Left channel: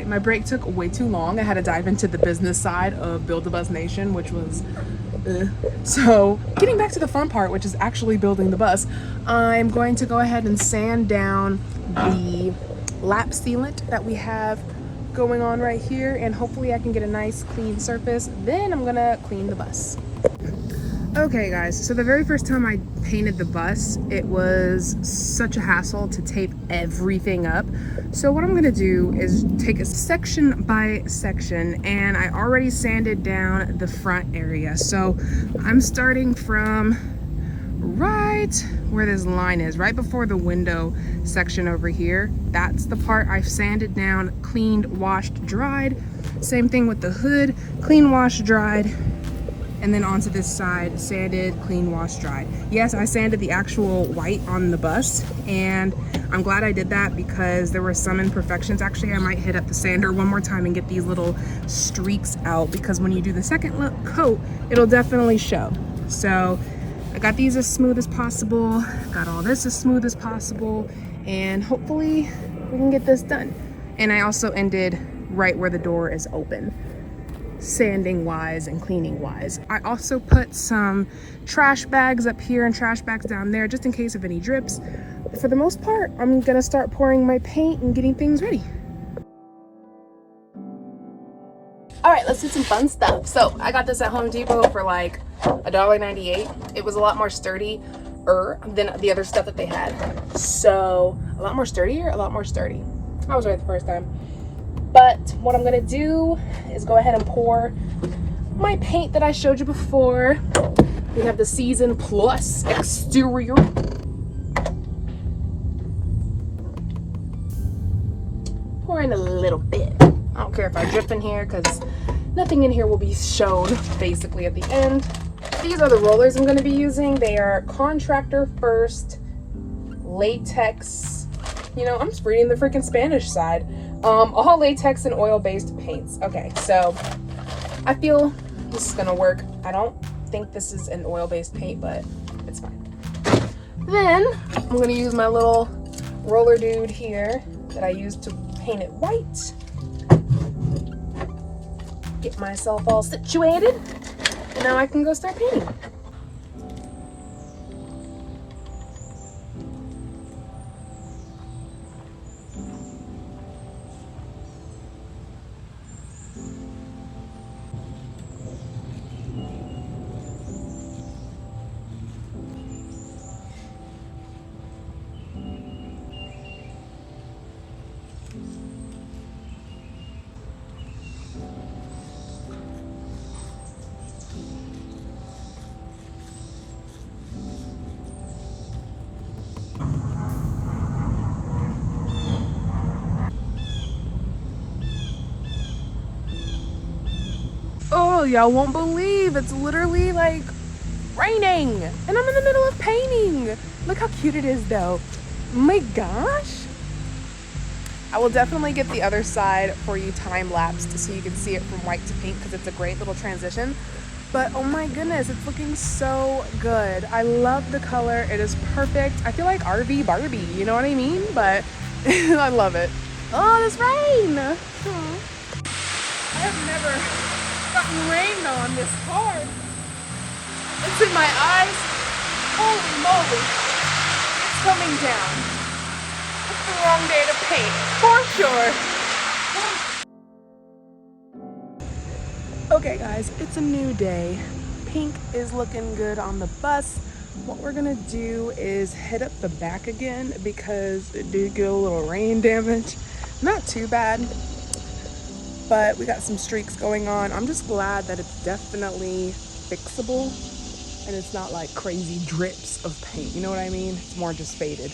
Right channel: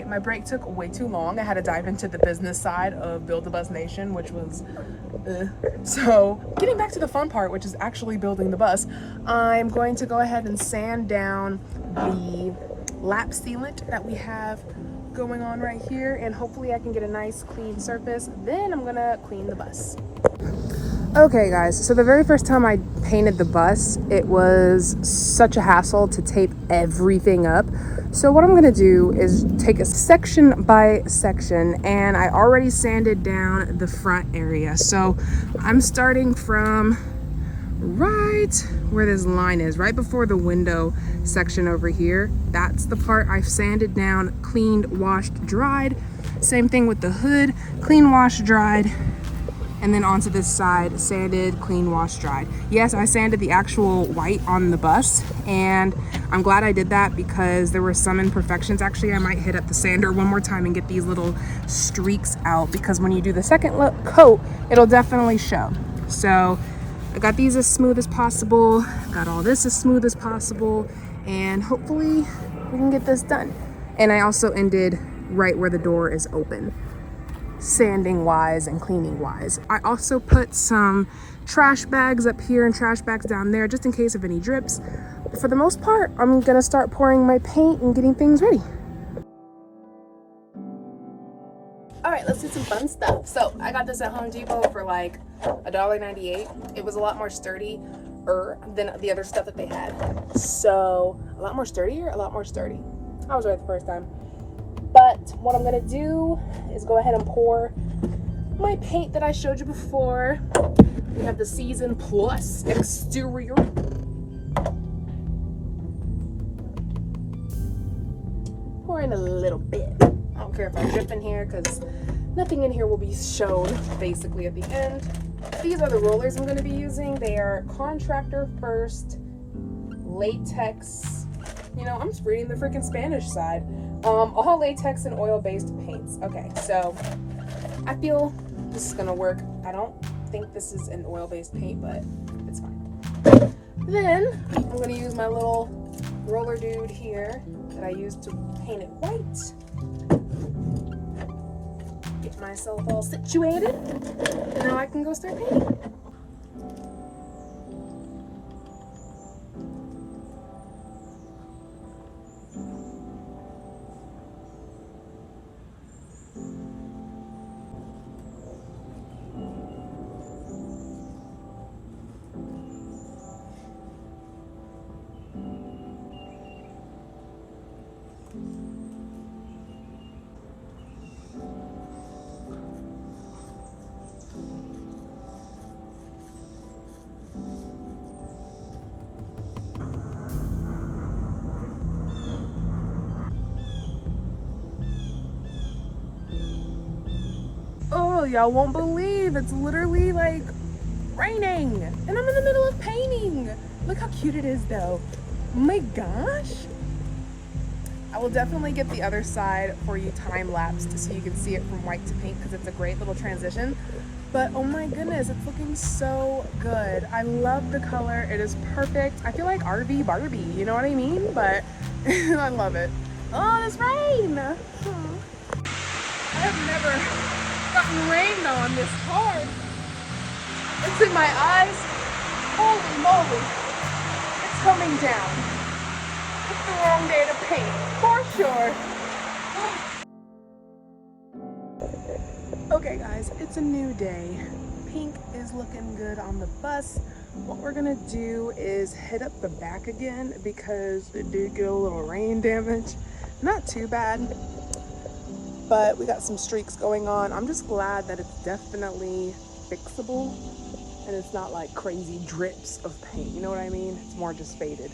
right, my break took way too long. I had to dive into the business side of Build a Bus Nation, which was so getting back to the fun part, which is actually building the bus. I'm going to go ahead and sand down the lap sealant that we have going on right here, and hopefully I can get a nice clean surface. Then I'm gonna clean the bus. Okay guys, so the very first time I painted the bus, it was such a hassle to tape everything up. So what I'm gonna do is take a section by section, and I already sanded down the front area. So I'm starting from right where this line is, right before the window section over here. That's the part I've sanded down, cleaned, washed, dried. Same thing with the hood, clean, washed, dried. And then onto this side, sanded, clean, washed, dried. Yes, I sanded the actual white on the bus, and I'm glad I did that because there were some imperfections. Actually, I might hit up the sander one more time and get these little streaks out, because when you do the second coat, it'll definitely show. So I got these as smooth as possible, got all this as smooth as possible, and hopefully we can get this done. And I also ended right where the door is open, sanding wise and cleaning wise. I also put some trash bags up here and trash bags down there just in case of any drips. But for the most part, I'm gonna start pouring my paint and getting things ready. All right, let's do some fun stuff. So I got this at Home Depot for like $1.98. It was a lot more sturdy than the other stuff that they had. So a lot more sturdy. I was right the first time. But what I'm gonna do is go ahead and pour my paint that I showed you before. We have the Season Plus exterior. Pour in a little bit. I don't care if I drip in here because nothing in here will be shown basically at the end. These are the rollers I'm gonna be using. They are Contractor First latex. You know, I'm just reading the freaking Spanish side. All latex and oil-based paints. Okay, so I feel this is gonna work. I don't think this is an oil-based paint, but it's fine. Then I'm gonna use my little roller dude here that I used to paint it white. Get myself all situated, and now I can go start painting. Oh, y'all won't believe it's literally like raining and I'm in the middle of painting. Look how cute it is though. Oh my gosh. I will definitely get the other side for you time-lapsed so you can see it from white to pink, because it's a great little transition. But oh my goodness, it's looking so good. I love the color. It is perfect. I feel like RV Barbie, you know what I mean? But I love it. Oh, this rain. I have never gotten rained on this hard. It's in my eyes. Holy moly. It's coming down. It's the wrong day to paint, for sure. Okay guys, it's a new day. Pink is looking good on the bus. What we're gonna do is head up the back again because it did get a little rain damage. Not too bad, but we got some streaks going on. I'm just glad that it's definitely fixable and it's not like crazy drips of paint, you know what I mean? It's more just faded.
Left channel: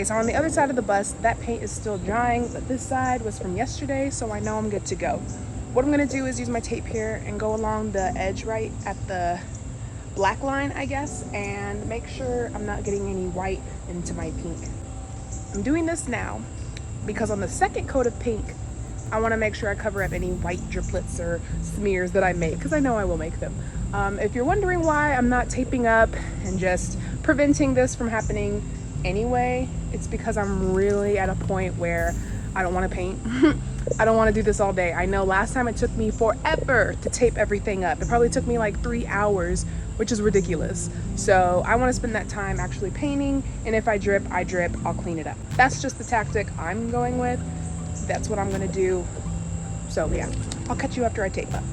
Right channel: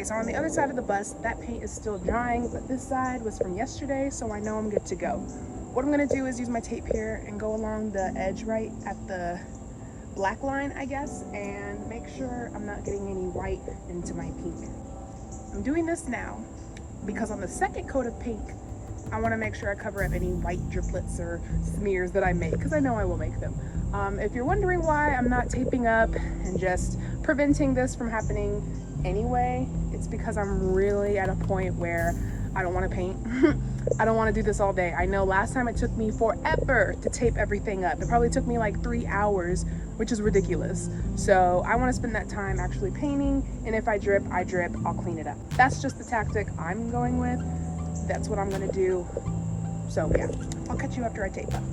Okay, so on the other side of the bus, that paint is still drying, but this side was from yesterday, so I know I'm good to go. What I'm gonna do is use my tape here and go along the edge right at the black line, I guess, and make sure I'm not getting any white into my pink. I'm doing this now because on the second coat of pink, I want to make sure I cover up any white driplets or smears that I make, because I know I will make them. If you're wondering why I'm not taping up and just preventing this from happening anyway, it's because I'm really at a point where I don't want to paint. I don't want to do this all day. I know last time it took me forever to tape everything up. It probably took me like 3 hours, which is ridiculous. So I want to spend that time actually painting, and if I drip, I'll clean it up. That's just the tactic I'm going with. That's what I'm gonna do. So yeah, I'll catch you after I tape up.